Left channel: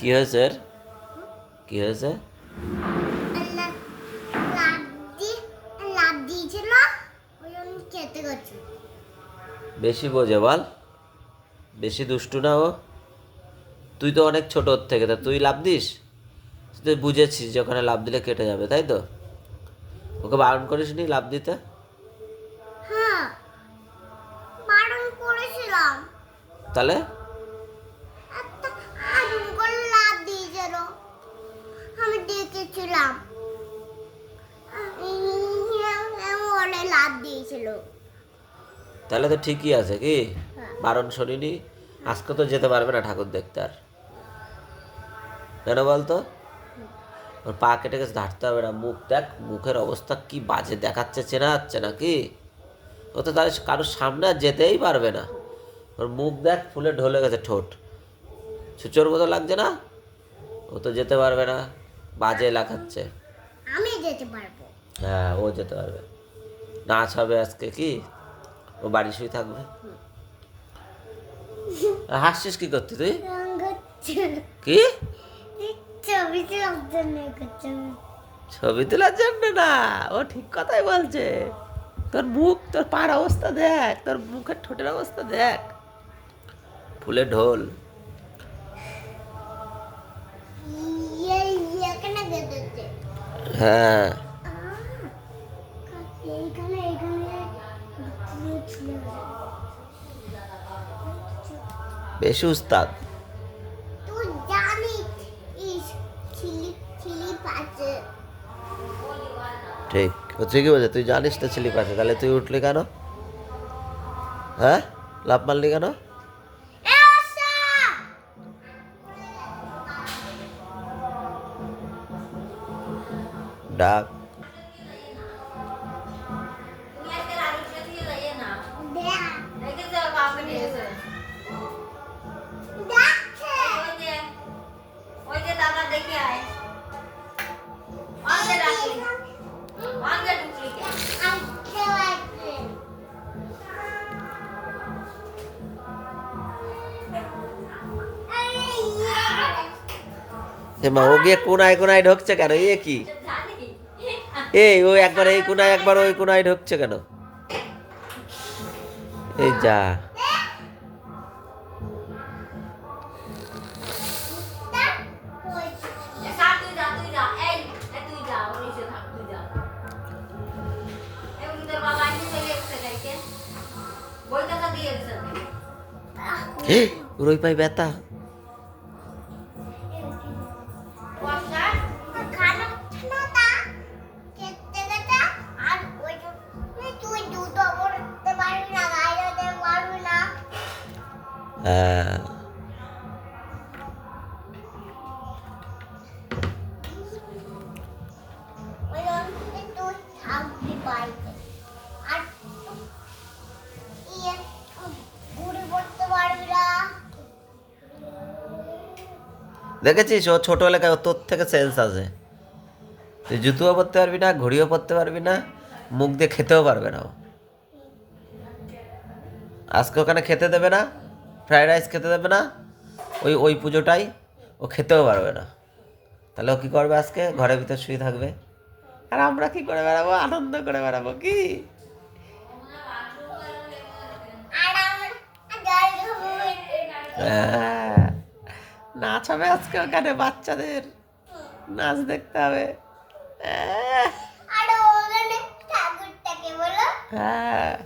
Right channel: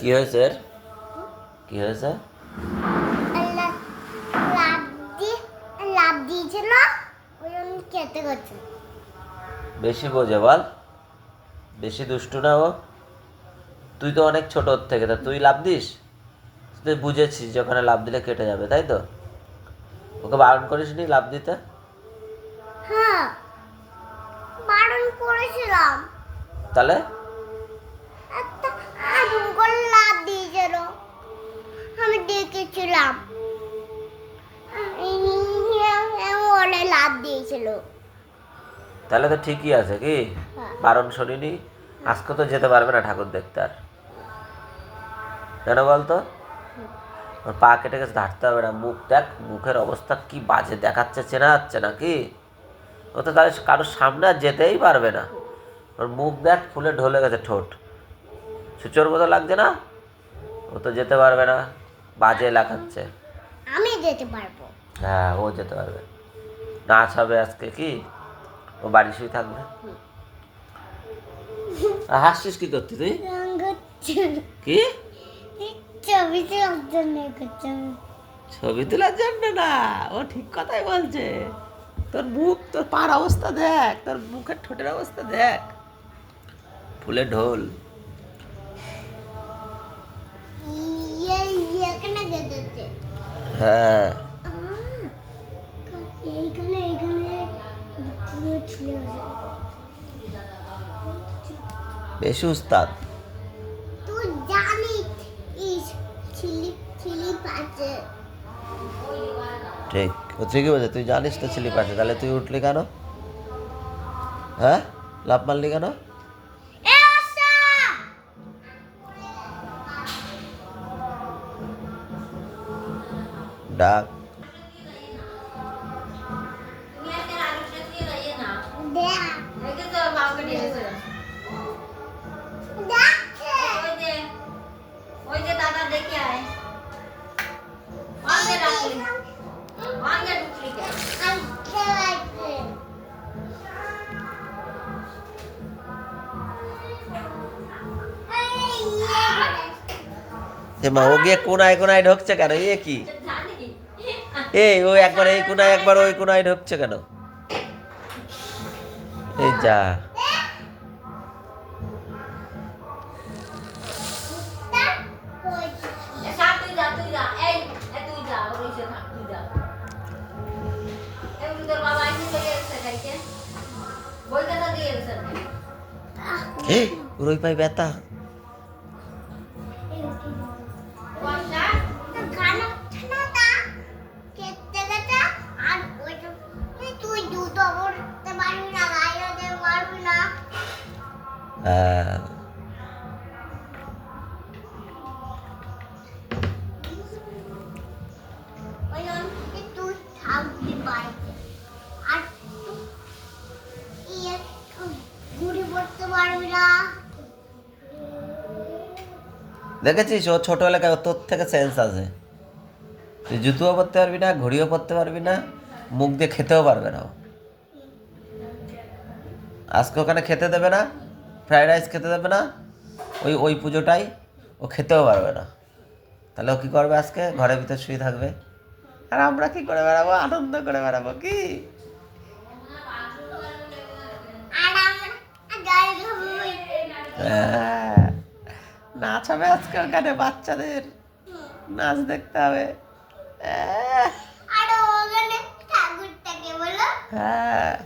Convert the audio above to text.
কি হয়েছে? কি হয়েছে বেশি বোঝে বল। বেশি দুষ্টু না ও। তুই তো অনেক ছোট থেকে তা তুই লাভ দিস? তুই বুঝেছিস যে ওখানে লাভ দিলে কেটে যাবে তাই তো? ওকে বারণ করিস নি লাভ দিতে? হ্যাঁ। বারণ করেছিলাম। তাহলে একটা আগুন করে লাভ দিয়েছিল আমি দেখেছিলাম অনেক লাভ দিয়েছিল। তাহলে তো ঠিকই আছে কি? হ্যাঁ। বারণ শুনিনি? আজকে তো যেতে পারবে না ঠাকুর দেখতে আর। কেন বলতো? ওর পা কেটে গেছে ধারতে হবে না। মুখ দেখ মুখের অবস্থা কি বাজে দেখাচ্ছে চেনা যাচ্ছে না কি? ও তো তাহলে কারোর সামনে আর যেতেই পারবে না। ওর মুখ দেখ ফুলে ঢলে গেছে ঠোঁট। সুচোর মতো লাগছে না? ও তো যেতে পারবে না। বাজে লাগাচ্ছে। আমি যেতে পারব। হ্যাঁ ও যেতে পারবে। নাচ হবে আজকে কি? ও বাড়ি শুয়ে থাকবে? হাসছিস কি করতি তুই? কি? ছবি ছবি তোলার জন্য না ও ঠিক কথাই বলছে। তোর মুখ তোর পার অবস্থা দেখ তোর মুখের ঠোঁটের অবস্থা দেখ। ফুলে ঢোল। হ্যাঁ এইখানে এইখানে ছিল বেশি উস্তাদ তুই জানিস ইস ছিলি ছিলি পাচ্ছে ঠিক ও ঠিকই বলছে তুই জানিস তো ছিলি পাশে তাহলে তুই উঠলি কেন হ্যাঁ লাভ মারলি কেন ডাক। মা ও গিয়ে কোনায় কোনায় ঢুকছে কেন? এ কি? এই ও একবার এই কোনায় একবার ওই কোনায় ঢুকছে কেন? এই যা। ওই পাই ব্যথা। দেখেছিস, ও ছোট এলাকায় তোর থেকে সেন্স আছে। তুই জুতোও পরতে পারবি না, ঘড়িও পরতে পারবি না, মুখ দিয়ে খেতেও পারবে না আজকে ওখানে খেতে দেবে না ফ্রায়েড রাইস খেতে দেবে না ওই ওই পুজোটাই ও খেতেও পারবে না। তাহলে ও কী করবে আজকে? ঘরের ভিতরে শুয়ে থাকবে। আর আমরা কী করে বেড়াবো? আনন্দ করে বেড়াবো কি? হ্যাঁ, নাচ হবে আজকে ওখানে বাচ্চাদের। নাচ দেখতে হবে। হ্যাঁ।